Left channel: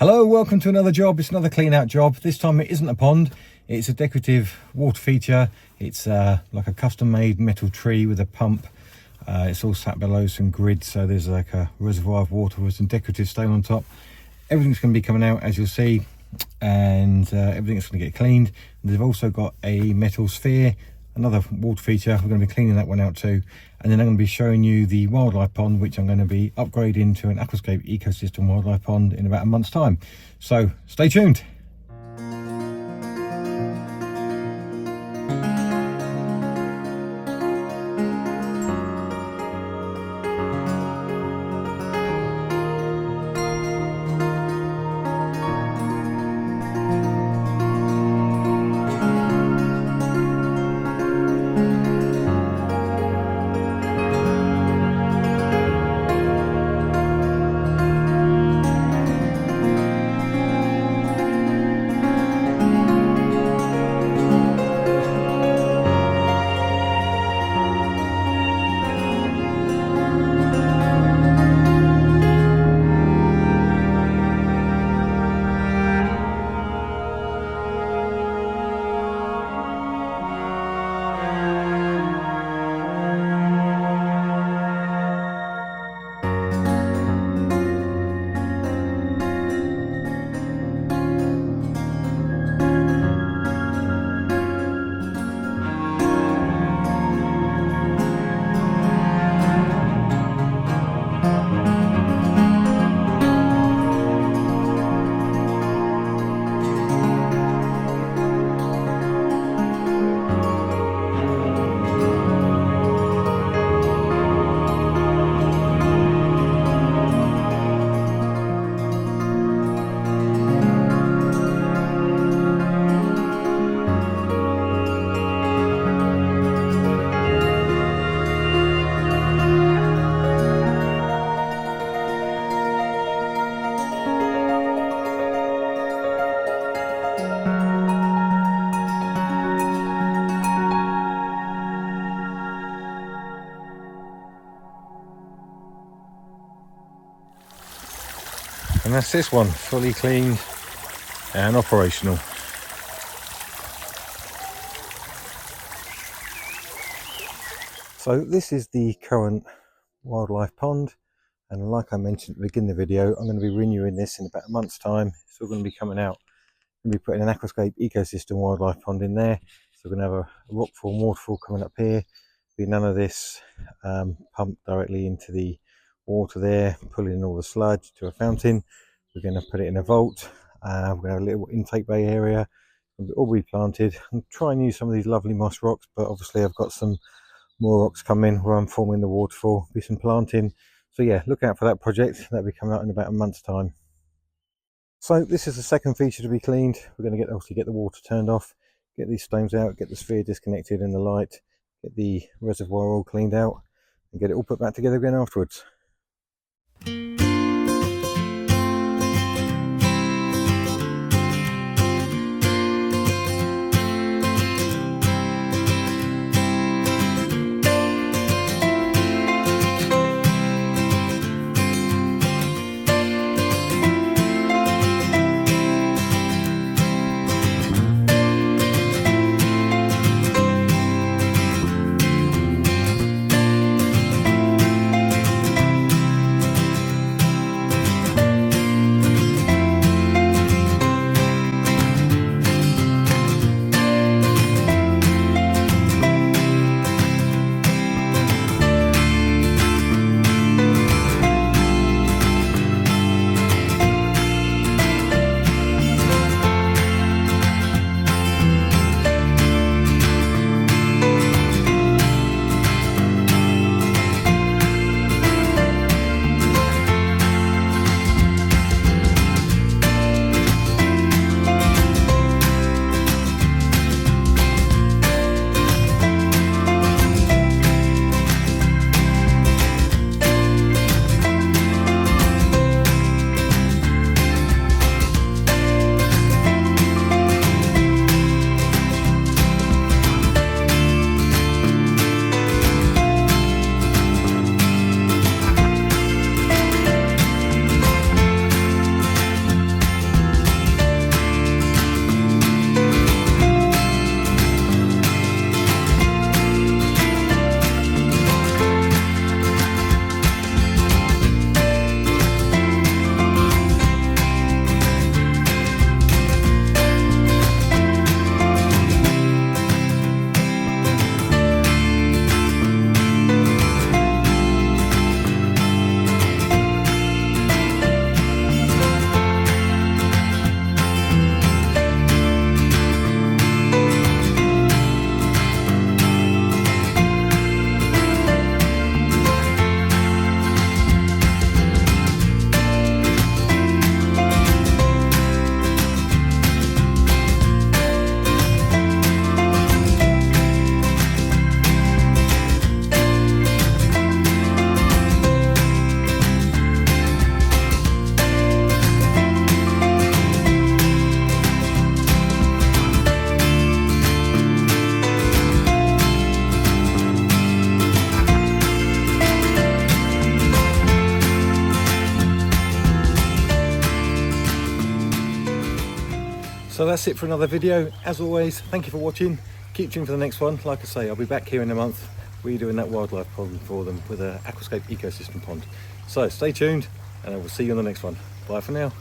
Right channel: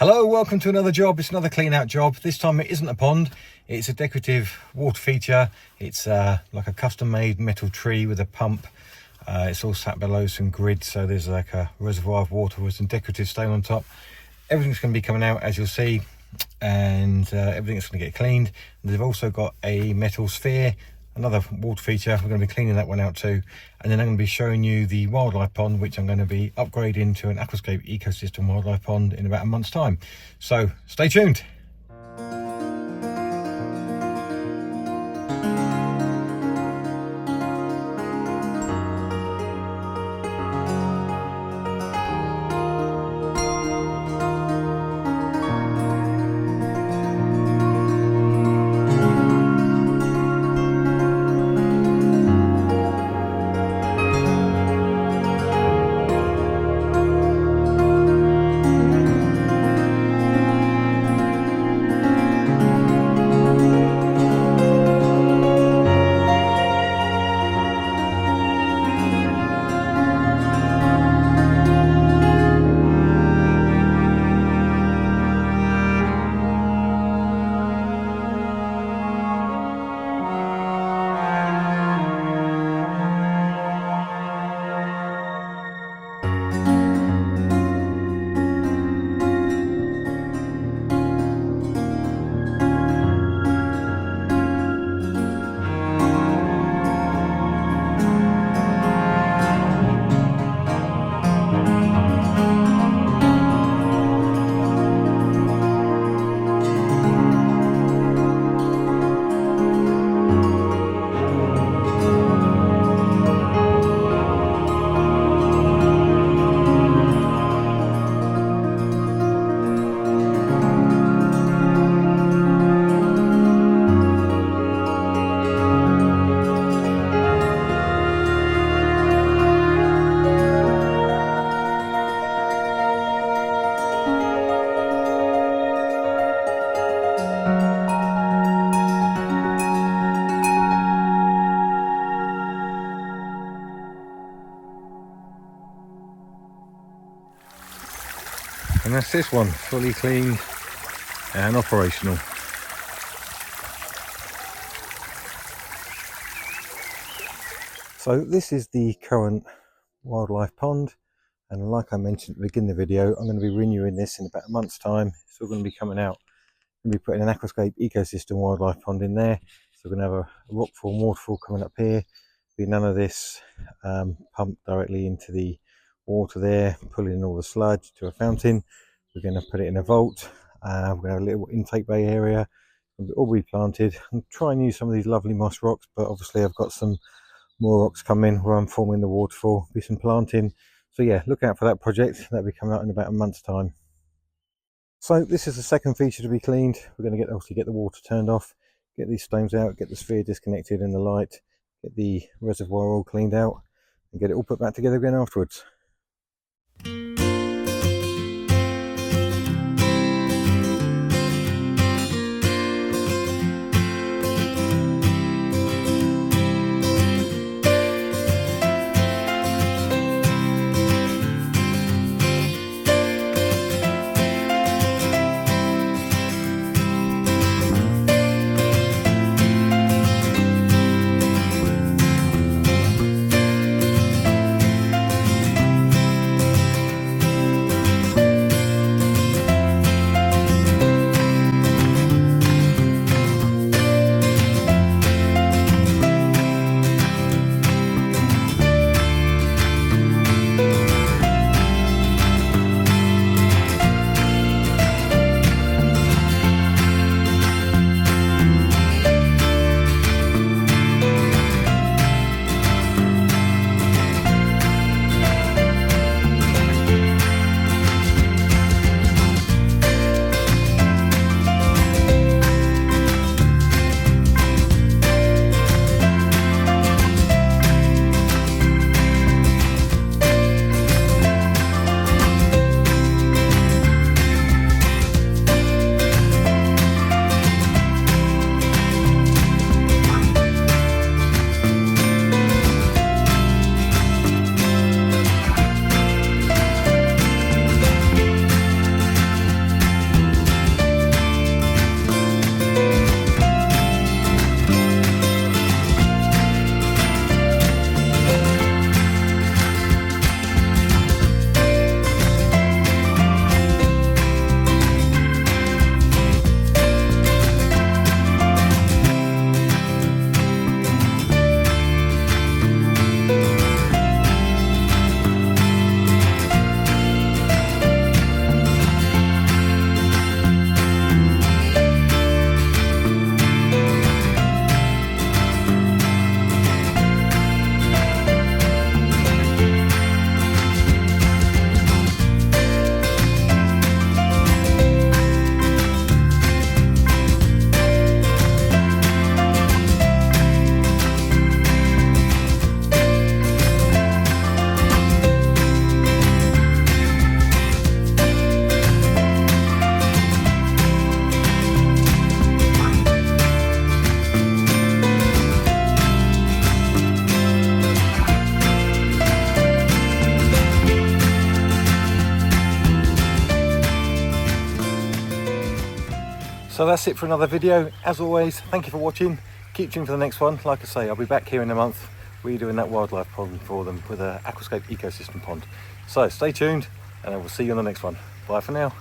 Hello, welcome to another job. It's another clean out job. This time it isn't a pond, it's a decorative water feature. It's like a custom made metal tree with a pump. It's all sat below some grids, so there's like a reservoir of water with some decorative stain on top. Everything's going to be coming out, as you'll see, and everything's going to get cleaned. And they've also got a metal sphere, another water feature. We're going to be cleaning that one out too, and then I'm going to be showing you the wildlife pond, which I'm going to be upgrading to an aquascape ecosystem wildlife pond in about a month's time. So stay tuned. And that's this one, fully cleaned and operational. So this is the current wildlife pond, and like I mentioned at the beginning of the video, I'm going to be renewing this in about a month's time. It's all going to be coming out. I'm going to be putting an aquascape ecosystem wildlife pond in there. So we're going to have a rockfall and waterfall coming up here. Be none of this pumped directly into the water there, pulling in all the sludge to a fountain. We're going to put it in a vault. We're going to have a little intake bay area. It'll be all replanted. I'm trying to use some of these lovely moss rocks, but obviously I've got some more rocks coming where I'm forming the waterfall. Be some planting. So yeah, look out for that project. That'll be coming out in about a month's time. So this is the second feature to be cleaned. We're going to obviously get the water turned off, get these stones out, get the sphere disconnected in the light, get the reservoir all cleaned out, and get it all put back together again afterwards. So that's it for another video. As always, thank you for watching. Keep tuned for the next one. Like I say, I'll be back here in a month redoing that wildlife pond for them with an aquascape ecosystem pond. So stay tuned and I will see you on the next one. Bye for now.